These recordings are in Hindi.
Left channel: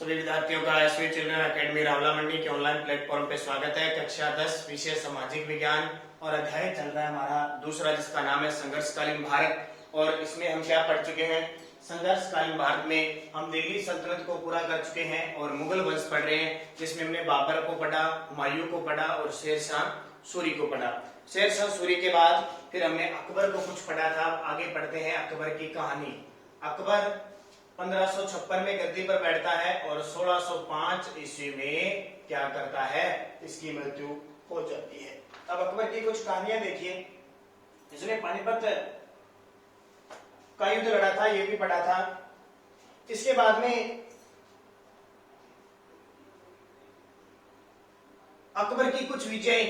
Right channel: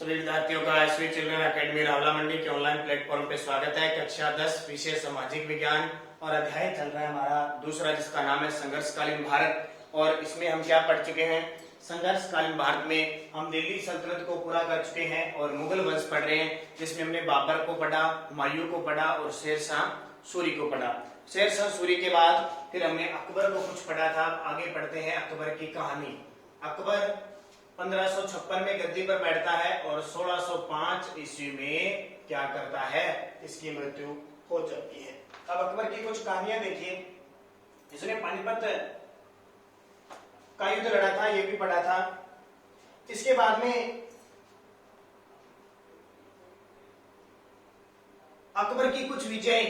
सभी विद्यार्थियों का स्वीट चिल्ड्रन एकेडमी रावला मंडी के ऑनलाइन प्लेटफॉर्म पे स्वागत है। कक्षा 10 विषय सामाजिक विज्ञान और अध्याय चल रहा है हमारा दूसरा, जिसका नाम है संघर्षकालीन भारत। और इसमें हम क्या पढ़ चुके हैं? संघर्षकालीन भारत में हम दिल्ली सल्तनत को पूरा कर चुके हैं और मुगल वंश पढ़ रहे हैं, जिसमें हमने बाबर को पढ़ा, हुमायूं को पढ़ा और शेरशाह सूरी को पढ़ा। शेरशाह सूरी के बाद फिर हमने अकबर को कुछ पढ़ा था। आगे पढ़ते हैं अकबर की कहानी। अकबर 1556 में गद्दी पर बैठता है और 1605 ईस्वी में क्या करता है? इसकी मृत्यु हो जाती है। अब अकबर की कुछ कहानियां देखिए। इसने पानीपत का युद्ध लड़ा था, ये भी पढ़ा था। इसके बाद में अकबर की कुछ विजय,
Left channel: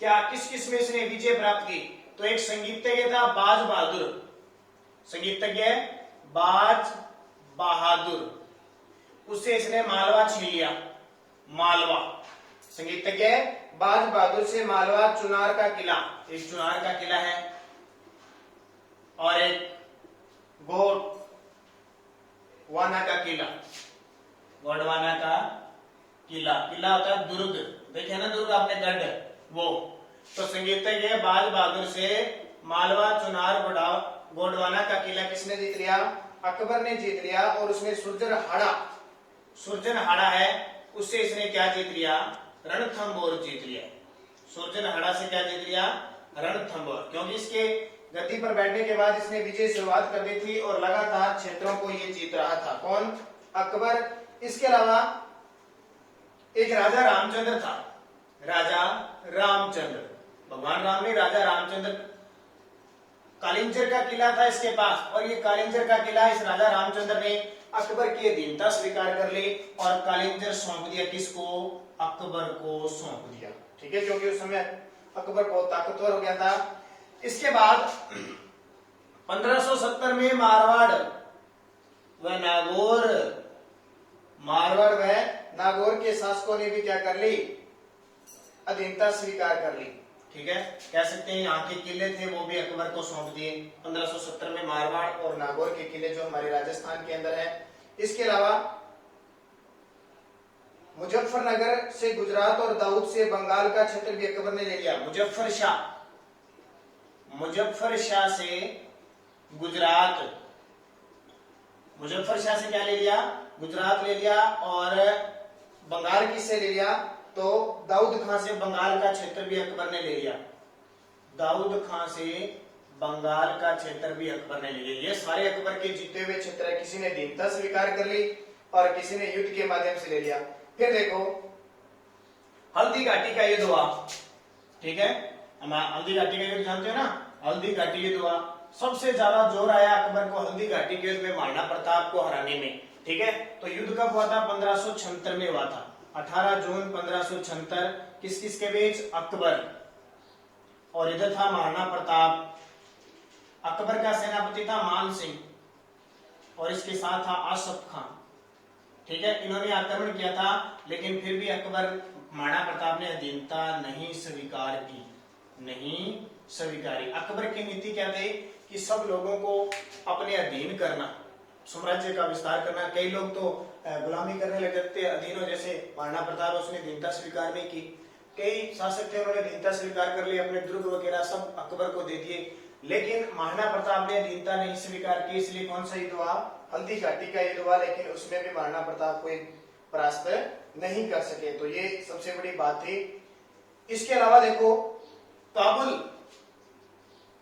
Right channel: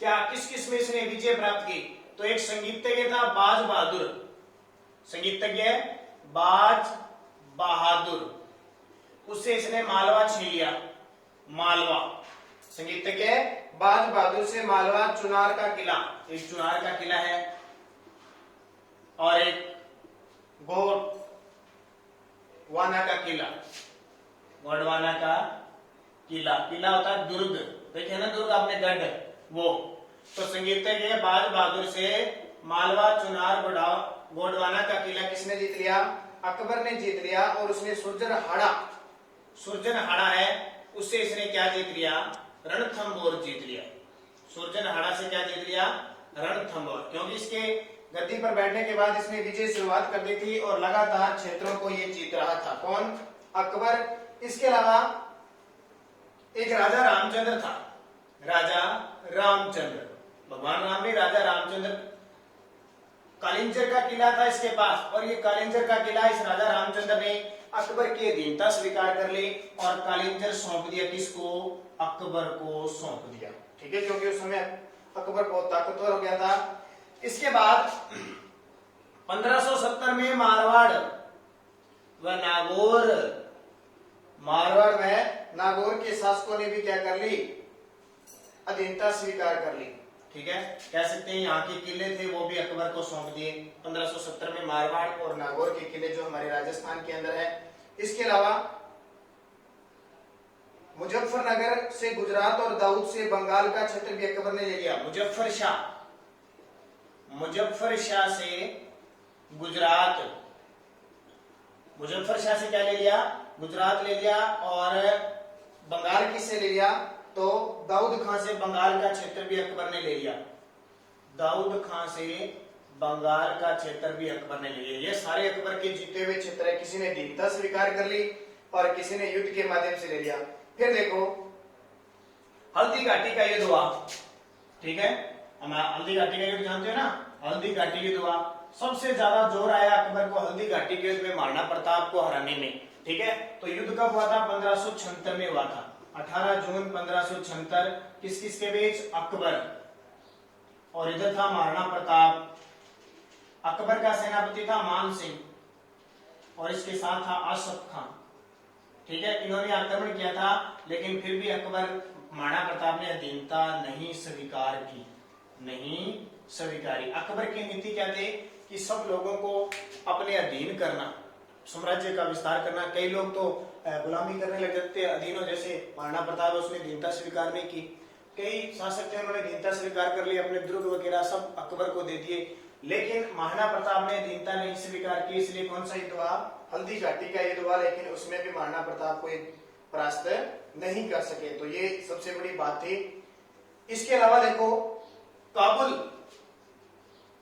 क्या किस किस में इसने विजय प्राप्त की? तो एक संगीतज्ञ था बाज बहादुर, संगीतज्ञ बाज बहादुर, उससे इसने मालवा छीन लिया। मालवा, संगीतज्ञ बाज बहादुर से मालवा, चुनार का किला, एक चुनार का किला है और एक गोंडवाना का किला। गोंडवाना का किला, किला होता है दुर्ग, देखिए ना दुर्ग आपने, गढ़, वो। तो संगीतज्ञ बाज बहादुर से मालवा, चुनार, गोंडवाना का किला किसने जीत लिया? अकबर ने जीत लिया। और उसमें सुरजनहाड़ा है, उससे इसने क्या जीत लिया? रणथंभौर जीत लिया। सुरजनहाड़ा से क्या जीत लिया? रणथंभौर। क्योंकि इसके गद्दी पर बैठने के बाद इसने विजय शुरुआत कर दी थी और लगातार क्षेत्रों को ये जीत रहा था। कौन? अकबर। इसके अलावा एक राजा रामचंद्र था, राजा रामचंद्र, भगवान राम ने राजा रामचंद्र, कालिंजर का किला था इसके पास। और ये कालिंजर का किला इस राजा रामचंद्र ने अकबर की अधीनता स्वीकार कर ली और कालिंजर सौंप दिया किसको? अकबर को सौंप दिया। ठीक है, क्योंकि उस समय अकबर बहुत ताकतवर हो गया था। इसके बाद 1570 में मारवाड़ व नागौर के शासकों ने भी क्या कर ली? अधीनता स्वीकार कर ली। ठीक है, कह सकते हैं यहाँ के किले थे वो भी अकबर को सौंप दिए। 1570 में मारवाड़ और नागौर के किले जो हमारे राजस्थान के अंदर है। इसके अलावा मुजफ्फरनगर से गुजरात और दाऊद से बंगाल का क्षेत्र भी अकबर ने ले लिया। मुजफ्फर शाह से गुजरात, मुजफ्फर शाह से क्या ले लिया? गुजरात ले लिया। और बंगाल किससे ले लिया? तो दाऊद खां से बंगाल का क्षेत्र भी अकबर ने ले लिया। दाऊद खां से बंगाल का क्षेत्र भी अकबर ने ले लिया। ये सारे अकबर के जीते हुए क्षेत्र है। किसी ने अधीनता स्वीकार कर ली और किसी ने युद्ध के माध्यम से ले लिया। फिर देखो हल्दी घाटी का युद्ध हुआ। ठीक है, हम हल्दी घाटी का युद्ध जानते हो ना? हल्दी घाटी युद्ध हुआ। सबसे ज्यादा जोर आया अकबर को हल्दी घाटी के युद्ध में महाराणा प्रताप को हराने में। ठीक है, तो युद्ध कब हुआ था? 1576 में हुआ था। 18 जून 1576। किस किस के बीच? अकबर और इधर था महाराणा प्रताप। अकबर का सेनापति था मान सिंह और इसके साथ था आसफ खान। ठीक है, इन्होंने आक्रमण किया था, लेकिन फिर भी अकबर, महाराणा प्रताप ने अधीनता नहीं स्वीकार की, नहीं स्वीकारी। अकबर की नीति क्या थी कि सब लोगों को अपने अधीन करना, साम्राज्य का विस्तार करना। कई लोग तो गुलामी करने लग जाते अधीनों, जैसे महाराणा प्रताप, उसने अधीनता स्वीकार नहीं की। कई शासक थे, उन्होंने अधीनता स्वीकार कर ली, अपने दुर्ग वगैरह सब अकबर को दे दिए। लेकिन महाराणा प्रताप ने अधीनता नहीं स्वीकार की, इसलिए कौन सा युद्ध हुआ? हल्दी घाटी का युद्ध हुआ। लेकिन उसमें भी महाराणा प्रताप को परास्त नहीं कर सके। तो ये सबसे बड़ी बात थी। इसके अलावा देखो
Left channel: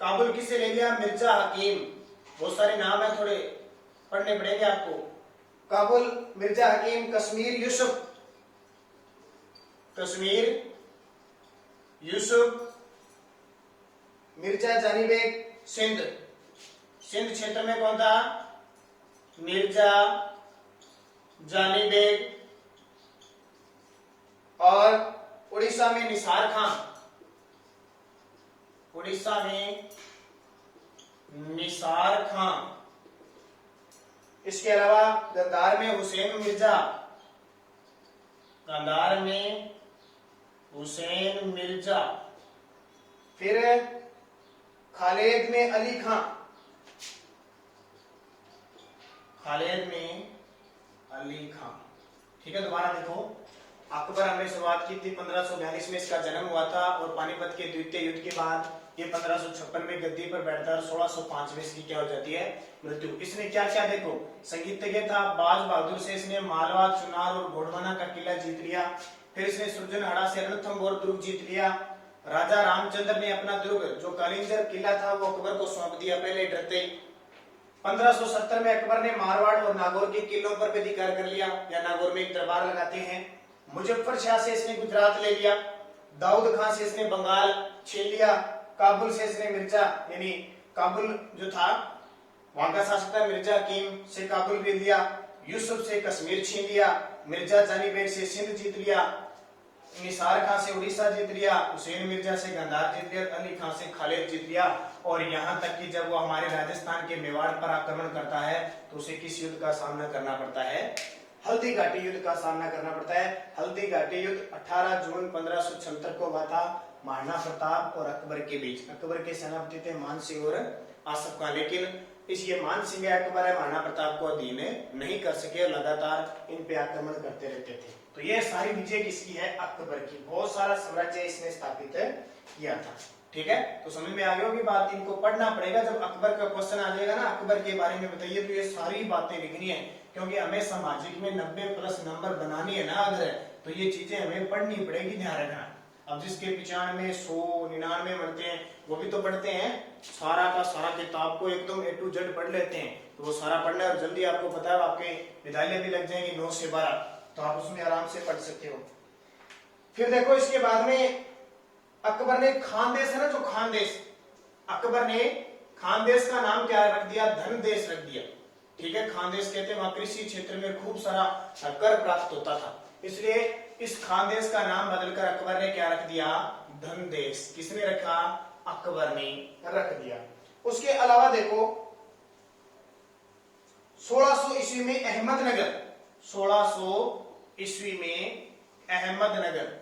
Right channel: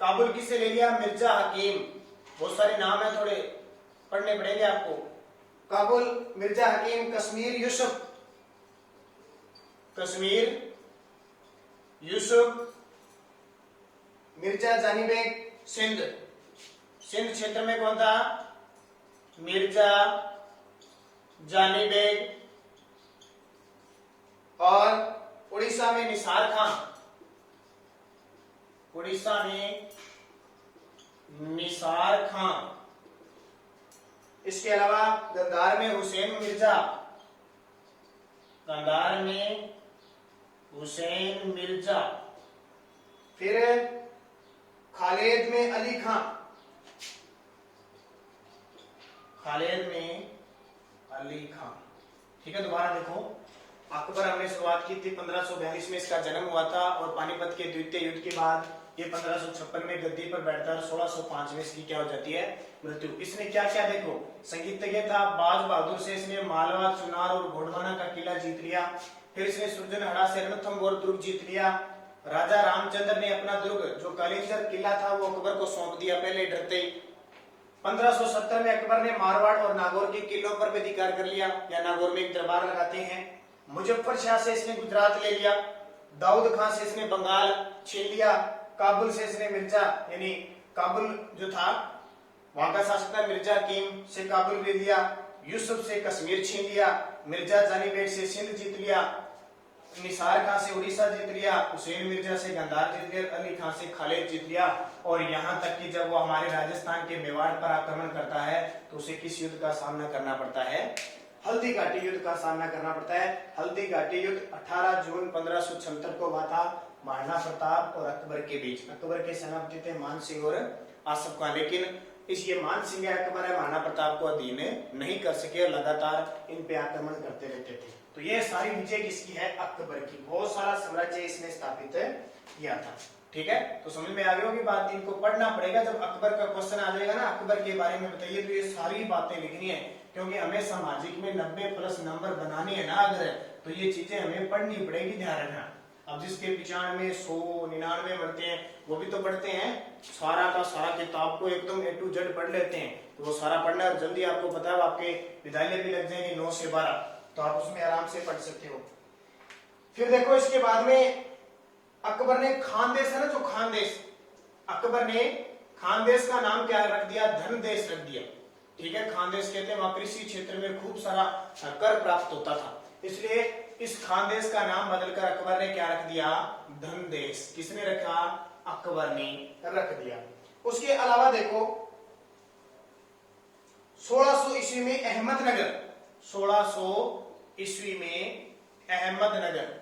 काबुल किससे ले लिया? मिर्जा हकीम। बहुत सारे नाम है, थोड़े पढ़ने पड़ेंगे आपको। काबुल, मिर्जा हकीम। कश्मीर यूसुफ, मिर्जा जानी बेग। सिंध क्षेत्र में कौन था? मिर्जा जानी बेग। और उड़ीसा में निसार खां, उड़ीसा में निसार खां। इसके अलावा गंधार में हुसैन मिर्जा, गंधार में हुसैन मिर्जा। फिर खालिद में अली खां, खालिद में अली खां। ठीक है, दोबारा देखो, अकबर हमने शुरुआत की थी 1542 में इसका जन्म हुआ था और पानीपत के द्वितीय युद्ध के बाद ये 1556 में गद्दी पर बैठता है और 1605 में इसकी क्या हो जाती है, मृत्यु। इसने क्या क्या देखो, संगीतज्ञ था, बाज बहादुर से इसने मालवा, चुनार और घोड़वाना का किला जीत लिया। फिर इसने सुरजनहाड़ा से रणथंभौर दुर्ग जीत लिया। राजा रामचंद्र ने अपना दुर्ग जो कालिंगर किला था वो अकबर को सौंप दिया पहले डरते। 1570 में अकबर ने मारवाड़ और नागौर के किलों पर भी अधिकार कर लिया, या नागौर में एक दरबार लगाते हैं। मुजफ्फर शाह से इसने गुजरात ले लिया। दाऊद खान से इसने बंगाल छीन लिया। काबुल से इसने मिर्जा यानी काबुल जो था वहां का शासक था मिर्जा कीम से काबुल भी लिया। यूसुफ से कश्मीर छीन लिया। मिर्जा जानी बेग से सिंध जीत लिया। निसार खान से उड़ीसा जीत लिया। हुसैन मिर्जा से गंधार जीत लिया। अली खान से खालिद जीत लिया। और यहाँ तक कि जब वो हमारे राजस्थान के मेवाड़ पर आक्रमण करता है तो उसे किस युद्ध का सामना करना पड़ता है, हल्दी घाटी युद्ध का सामना करना पड़ता है। हल्दी घाटी युद्ध 18 जून 1576 को हुआ था महाराणा प्रताप और अकबर के बीच। अकबर के सेनापति थे मान सिंह और आसफ खान, लेकिन इस ये मान सिंह अकबर है महाराणा प्रताप को अधीन नहीं कर सके और लगातार इन पे आक्रमण करते रहते थे। तो ये सारी विजय किसकी है, अकबर की। बहुत सारा साम्राज्य इसने स्थापित किया था। ठीक है, तो समझ में आ गई होगी बात, इनको पढ़ना पड़ेगा। जब अकबर का क्वेश्चन आ जाएगा ना अकबर के बारे में बताइए, तो ये सारी बातें लिखनी है, क्योंकि हमें सामाजिक में 90+ नंबर बनानी है ना अगर, तो ये चीजें हमें पढ़नी पड़ेगी, ध्यान रखना। अब जिसके 95, 100, 99 बनते हैं वो भी तो पढ़ते हैं, सारा का सारा किताब को एकदम A to Z पढ़ लेते हैं, तो वो सारा पढ़ना है। और जल्दी आपको पता है आपके विद्यालय भी लग जाएंगे 9 से 12, तो आप उसमें आराम से पढ़ सकते हो। फिर देखो इसके बाद में अकबर ने खानदेश है ना, जो खानदेश, अकबर ने खानदेश का नाम क्या रख दिया, धनदेश रख दिया। ठीक है, खानदेश कहते हैं वहां कृषि क्षेत्र में खूब सारा कर प्राप्त होता था, इसलिए इस खानदेश का नाम बदलकर अकबर ने क्या रख दिया, धनदेश। किसने रखा, अकबर ने रख दिया। उसके अलावा देखो 1600 ईस्वी में अहमदनगर, 1600 ईस्वी में अहमदनगर,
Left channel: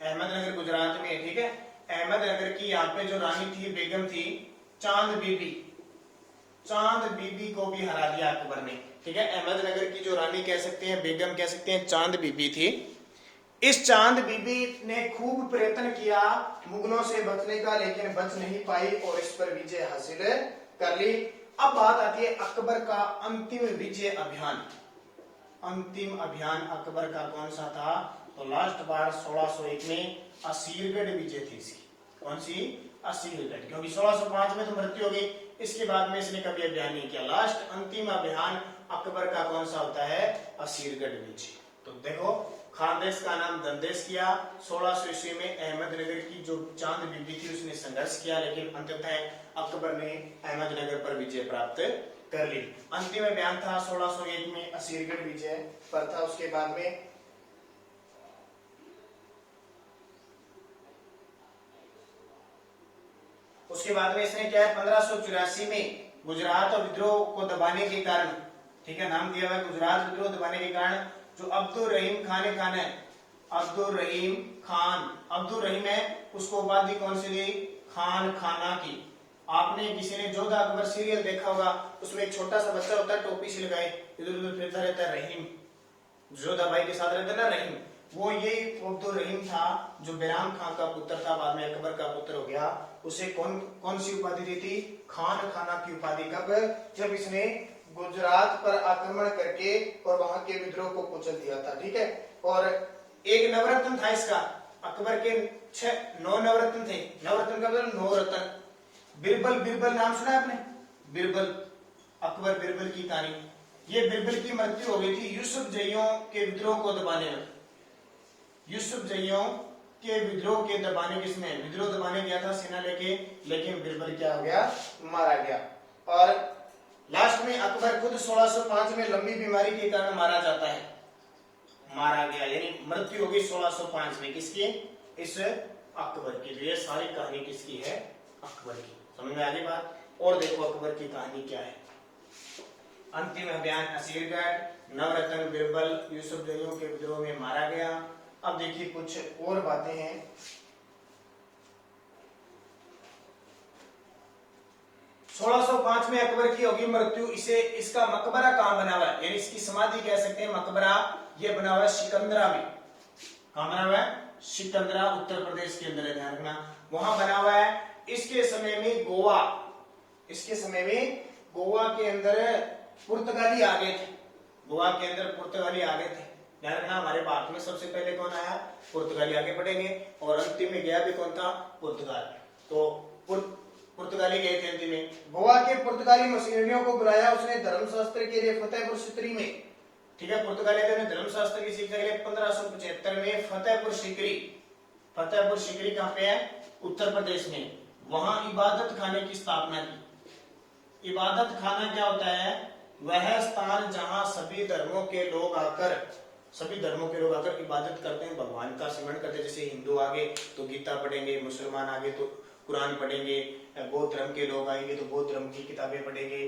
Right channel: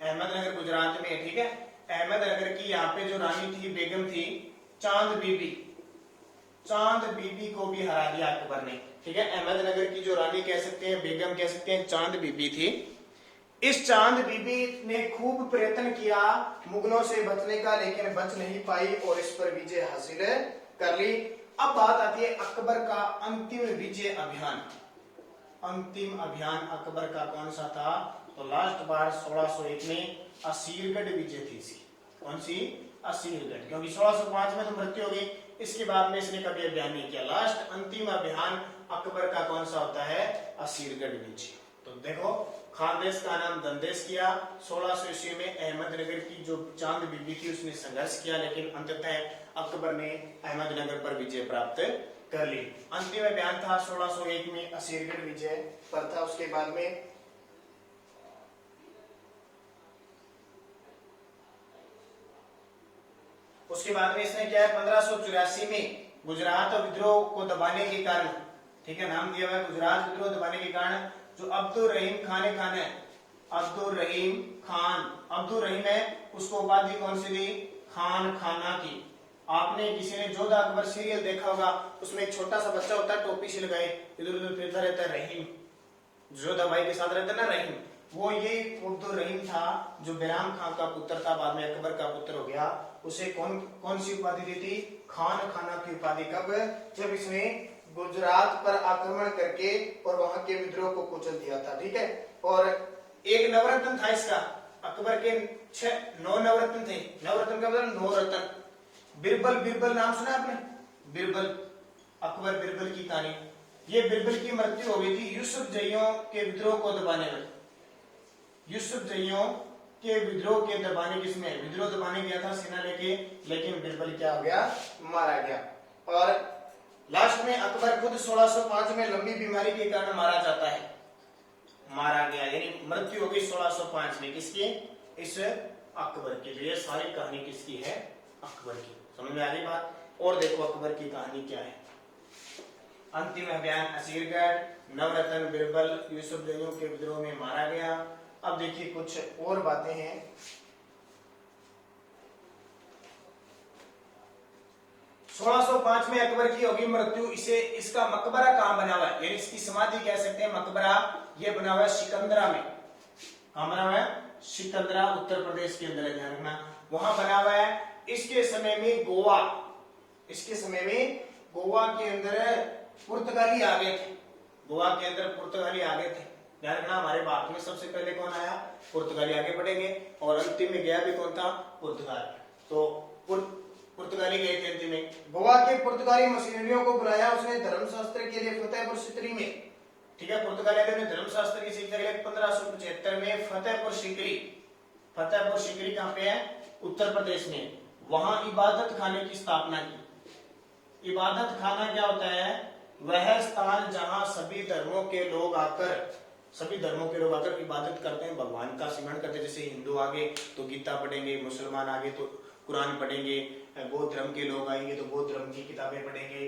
अहमदनगर गुजरात में, ठीक है, अहमदनगर की यहाँ पे जो रानी थी, बेगम थी चांद बीबी, चांद बीबी को भी हरा दिया अकबर ने। ठीक है, अहमदनगर की जो रानी कह सकते हैं, बेगम कह सकते हैं, चांद बीबी थी। इस चांद बीबी ने खूब प्रयत्न किया मुगलों से बचने का, लेकिन बच नहीं पाई और इस पर विजय हासिल कर ली। अब बात आती है अकबर का अंतिम विजय अभियान। अंतिम अभियान अकबर का कौन सा था, तो लास्ट बार 1601 में असीरगढ़ विजय थी इसकी। कौन सी, असीरगढ़, क्योंकि 1605 में तो मृत्यु हो गई, इसके बाद में इसने कभी अभियान नहीं किया। लास्ट अंतिम अभियान अकबर का कौन सा होता है, असीरगढ़ विजय। तो देखो खानदेश का नाम धनदेश किया। 1600 ईस्वी में अहमदनगर की जो चांद बीबी थी उसने संघर्ष किया, लेकिन अंततः अकबर ने अहमदनगर पर विजय प्राप्त कर ली। अंतिम अभियान था 1601 में असीरगढ़ विजय पर था। उसके बाद में इसने क्या है, 1584 में गुजरात और विद्रोह को दबाने के कारण, ठीक है, नाम दिया हुआ है गुजरात विद्रोह दबाने के कारण, जो अब्दुल रहीम खान है, अब्दुल रहीम खान, अब्दुल रहीम है, उसको उपाधि कौन सी दी, खान खाना की। आपने किसी ने जोधा अकबर सीरियल देखा होगा, उसमें एक छोटा सा बच्चा होता है, टोपी से लगाए, इधर उधर फिरता रहता है, रहीम, जोधा भाई के साथ रहता है ना रहीम, वो ये अब्दुल रहीम था जो बैराम खान का पुत्र था, बाद में अकबर का पुत्र हो गया। उसे कौन सी उपाधि दी थी, खान खाना की उपाधि। कब, जब इसने गुजरात पर आक्रमण करके और वहां के विद्रोह को कुचल दिया था। ठीक है, और एक नवरत्न था इसका, अकबर के 9 नवरत्न थे। नवरत्न का मतलब 9 रत्न। बिरबल, बिरबल नाम सुना आपने, बिरबल, अकबर बिरबल की कहानी। ये बिरबल की मृत्यु हो गई थी यूसुफ जइयों के विद्रोह को दबाने में। यूसुफ जइयों के विद्रोह के दबाने, किसने विद्रोह दबाने गया था सेना लेके, लेकिन बिरबल क्या हो गया, मारा गया। और लास्ट में अकबर खुद 1605 में लंबी बीमारी के कारण मारा जाता है, मारा गया, यानी मृत्यु हो गई 1605 में। किसकी, इस अकबर की। ये सारी कहानी किसकी है, अकबर की। समझ में आ रही बात। और देखो अकबर की कहानी क्या है, अंतिम अभियान असीरगढ़, नवरत्न, बिरबल, यूसुफ जइयों के विद्रोह में मारा गया। अब देखिए कुछ और बातें हैं। 1605 में अकबर की होगी मृत्यु। इसे, इसका मकबरा कहां बना हुआ है, यानी इसकी समाधि कह सकते हैं मकबरा ये बना हुआ है सिकंदरा में। कहां बना हुआ है? सिकंदरा, उत्तर प्रदेश के अंदर है, ध्यान रखना, वहां बना हुआ है। इसके समय में गोवा, इसके समय में गोवा के अंदर पुर्तगाली आ गए थे, गोवा के अंदर पुर्तगाली आ गए थे। ध्यान रखना, हमारे भारत में सबसे पहले कौन आया? पुर्तगाली आगे बढ़ेंगे, और अंतिम में गया भी कौन था? पुर्तगाल। तो पुर्तगाली गए थे अंतिम में। गोवा के पुर्तगाली मिशनरियों को बुलाया उसने धर्मशास्त्र के लिए फतेहपुर सीकरी में। ठीक है, पुर्तगाली ने धर्मशास्त्र की शिक्षा के लिए 1575 में फतेहपुर सीकरी, फतेहपुर सीकरी कहां पे है? उत्तर प्रदेश में, वहां इबादत खाने की स्थापना की। इबादत खाना क्या होता है? वह स्थान जहां सभी धर्मों के लोग आकर इबादत करते हैं, भगवान का स्मरण करते हैं। जैसे हिंदू आगे तो गीता पढ़ेंगे, मुसलमान आगे तो कुरान पढ़ेंगे, बौद्ध धर्म के लोग आएंगे तो बौद्ध धर्म की किताबें पढ़ेंगे,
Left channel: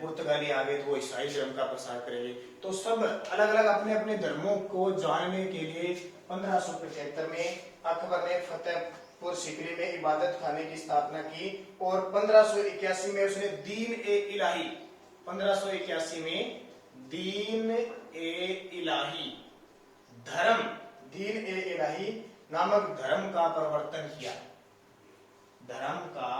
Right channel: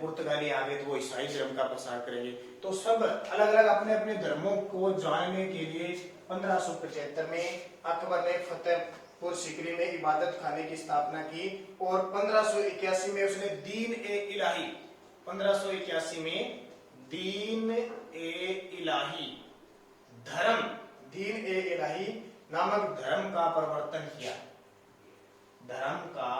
पुर्तगाली आगे तो वो ईसाई धर्म का प्रसार करेंगे। तो सब अलग अलग अपने अपने धर्मों को जानने के लिए 1575 में अकबर ने फतेहपुर सीकरी में इबादत खाने की स्थापना की, और 1581 में उसने दीन ए इलाही, 1581 में दीन ए इलाही धर्म, दीन ए इलाही नामक धर्म का प्रवर्तन किया। धर्म का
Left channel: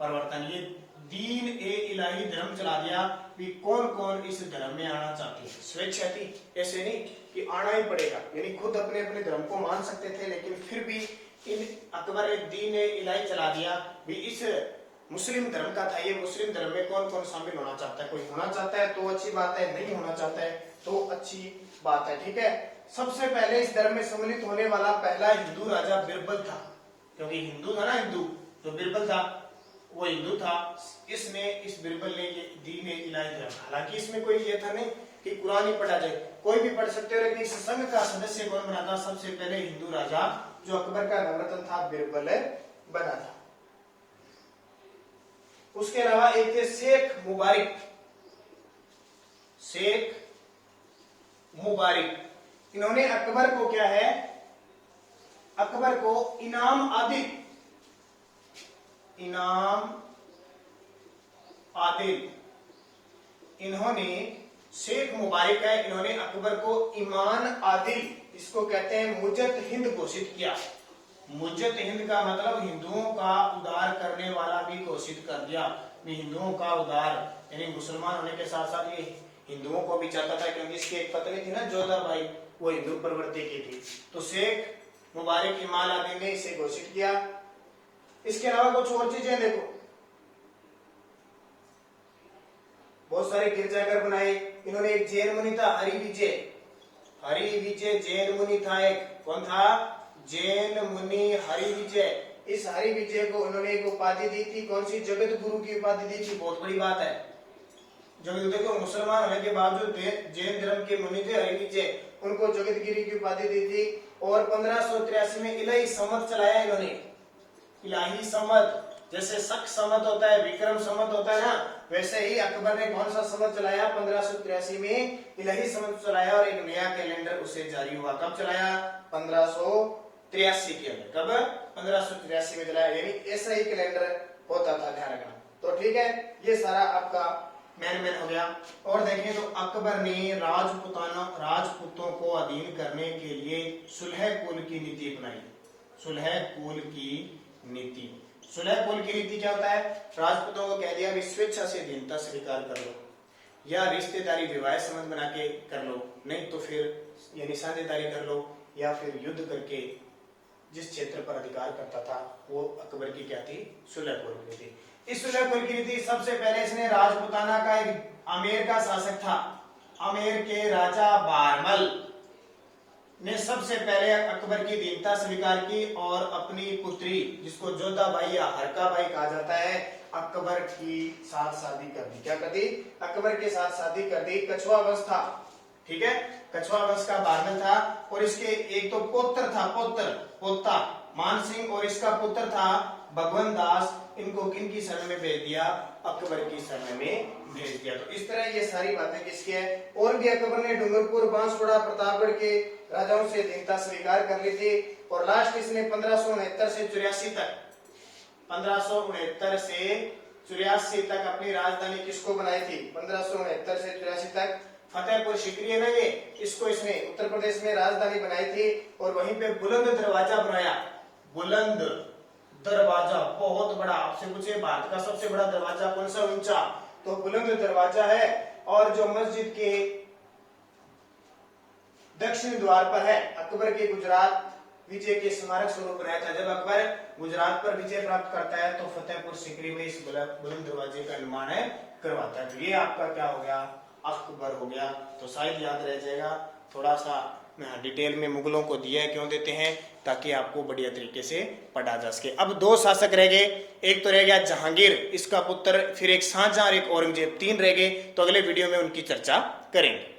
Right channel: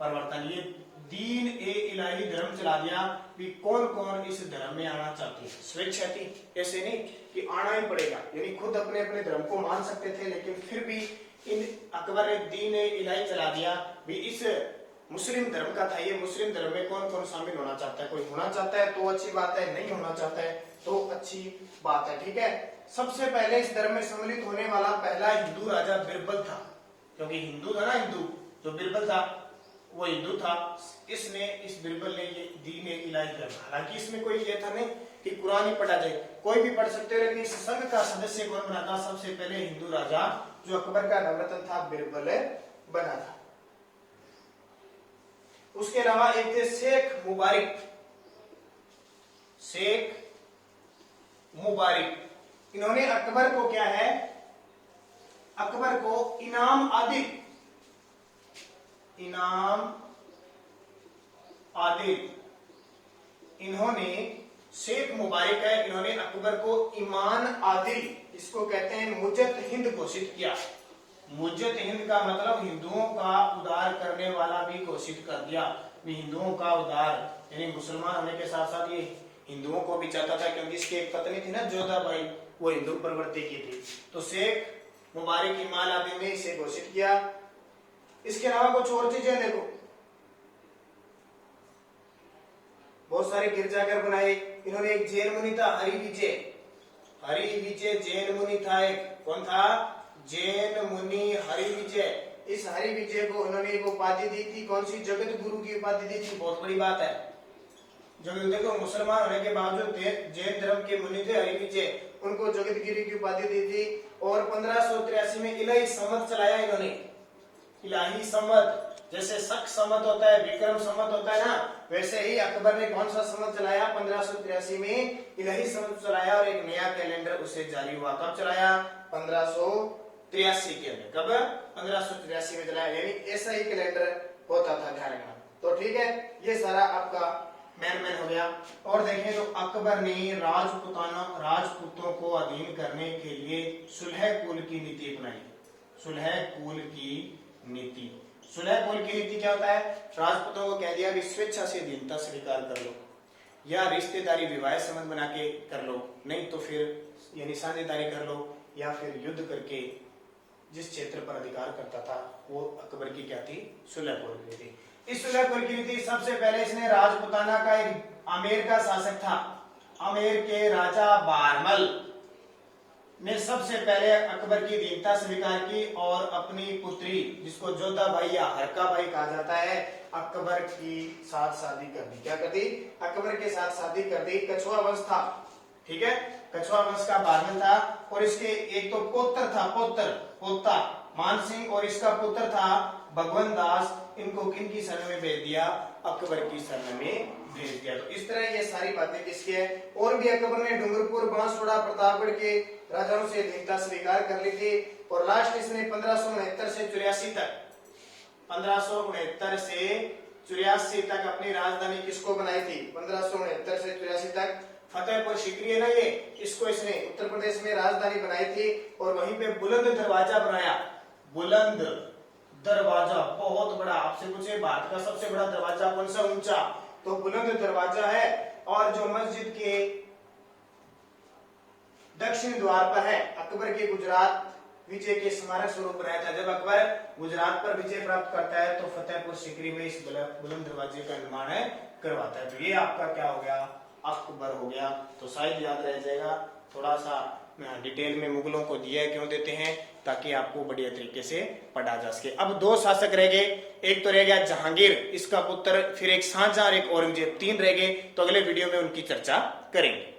परिवर्तन, ये दीन ए इलाही धर्म चला दिया। भी कौन कौन इस धर्म में आना चाहते हैं? स्वेच्छा थी, ऐसे नहीं कि आना ही पड़ेगा, यानी खुद अपने अपने धर्म को मान सकते थे, लेकिन फिर भी इन अकबर ने दीन ए इलाही चला दिया। भी इस मुस्लिम धर्म का था, ये मुस्लिम धर्म में कौन कौन शामिल होना चाहता है? कोई होना चाहता है तो अच्छी बात है, नहीं होना चाहता है तो अच्छी बात है। ठीक है, सबसे पहले इस धर्म में सम्मिलित होने वाला पहला हिंदू राजा बिरबल था, क्योंकि हिंदू था ना, हिंदू तो बिरबल था, वो हिंदू था। इसने, इस बिरबल ने ये दीन ए इलाही धर्म, हालांकि इसमें कोई ये था नहीं कि कुरान ही पढ़ा जाए, कोई भी पढ़ सकते हो, लेकिन इस संघ का सदस्य कौन बना था? सबसे पहले हिंदू राजा जो अकबर का नवरत्न था बिरबल बना था। उसके अलावा एक थे शेख मुबारिक, शेख मुबारिक, इन्होंने अकबर को क्या है? अकबर को इनाम आदिल, इनाम आदिल, इन्होंने, शेख मुबारिक है, इन्होंने अकबर को ईमान आदिल, इसको कहते हैं मुजत हिंद, घोषित किया। मुजत हिंद का मतलब हिंदुओं का उद्धार करने वाला भी घोषित कर दिया। हिंदुओं का उद्धार, यानी मुसलमान होने के साथ साथ ये हिंदुओं को भी चाहता था, क्योंकि इसकी एक पत्नी थी ना जोधा भाई, वो हिंदू प्रवृत्ति की थी। तो शेख मुबारिक ईमान आदिल ने इसे घोषित किया। इसके अलावा कुछ और चीजें देखो, बहुत सारे गिरजाघर बनाए इन्होंने। एक जैन मुनि था हरि विजय, हरि विजय जैन मुनि था एक, कौन था? जैन मुनि हरि विजय। इस हरि विजय को उन्होंने एक उपाधि दी थी, कौन सी? जगत गुरु की उपाधि दी थी। बहुत बड़ी बात है, जो देखो मुसलमान होने के बावजूद जैन धर्म के मुनि थे हरि विजय, उनको जगत गिरी की उपाधि दी थी। और 1583 में इलाही संवत चलाया इन्होंने, इलाही संवत, जैसे शक संवत होता है, विक्रम संवत होता है ना, वैसे ही अकबर ने कौन सा संवत चलाया? 1583 में इलाही संवत चलाया, और एक नया कैलेंडर उसे जारी हुआ। कब चलाया? 1583 के अंदर। कब? 1583 में चलाया, यानी ऐसा ही कैलेंडर होता था, ध्यान रखना। तो ठीक है, ये सारा आपका मैन हो गया। और देखें तो अकबर ने राजपूतों को अधीन करने के लिए सुलह कुल की नीति अपनाई। सुलह कुल की नीति, सुलह कुल की नीति क्या होता है? राजपूतों को कह दिया कि स्वेच्छा से दीनता स्वीकार कर लो, या रिश्तेदारी विवाह संबंध बना के कर लो, नहीं तो फिर यानी साझेदारी कर लो, या फिर युद्ध करके जिस क्षेत्र पर अधिकार करता था वो अकबर की क्या थी? सुलह कुल की नीति। इस सुलह कुल की नीति सबसे पहले इसने राजपुताना का एक आमेर का शासक था, आमेर के राजा बारमल ने सबसे पहले अकबर की दीनता स्वीकार की, और अपनी पुत्री जिसको जोधा भाई या हरका भाई कहा जाता है, अकबर की साथ शादी कर दी। क्या कर दी? अकबर के साथ शादी कर दी। कछुआ वंश था, ठीक है, कछुआ वंश का बारमल था, और इसके एक तो पुत्र था, पोता मान सिंह, और इसका पुत्र था भगवंत दास। इनको किनकी शरण में भेज दिया? अकबर की शरण में भेज दिया। तो इस तरह ये सारी बातें किसकी है? और भी अकबर ने डूंगरपुर, बांसवाड़ा, प्रतापगढ़ के राजाओं से दीनता स्वीकार कर ली थी। और लास्ट इसने 1569 से 84 तक, 1569 से 84 तक अपनी राजधानी किसको बनाई थी? 1569 से 84 तक फतेहपुर सीकरी है ना ये, इसको इसने उत्तर प्रदेश में राजधानी बनाई थी और वहीं पे बुलंद दरवाजा बनाया। बुलंद दरवाजा बहुत बड़ा, आपसे पूछे भारत का सबसे बड़ा दरवाजा कौन सा ऊंचा, तो बुलंद दरवाजा है। और जो मस्जिद के दक्षिण द्वार पर है, अकबर के गुजरात विजय के स्मारक स्वरूप बनाया था। जब अकबर गुजरात पर विजय प्राप्त करता है तो फतेहपुर सीकरी में इस बुलंद दरवाजे का निर्माण करवाता है। तो ये आपका क्या हो गया, अकबर हो गया। तो शायद याद रह जाएगा। थोड़ा सा डिटेल में मुगलों को दिया है, क्यों देते हैं, ताकि आपको बढ़िया तरीके से पढ़ा जा सके। अब दो शासक रह गए, एक तो रह गया जहांगीर, इसका पुत्र, फिर एक शाहजहां और एक औरंगजेब, तीन रह गए। तो अगले वीडियो में उनकी चर्चा करेंगे।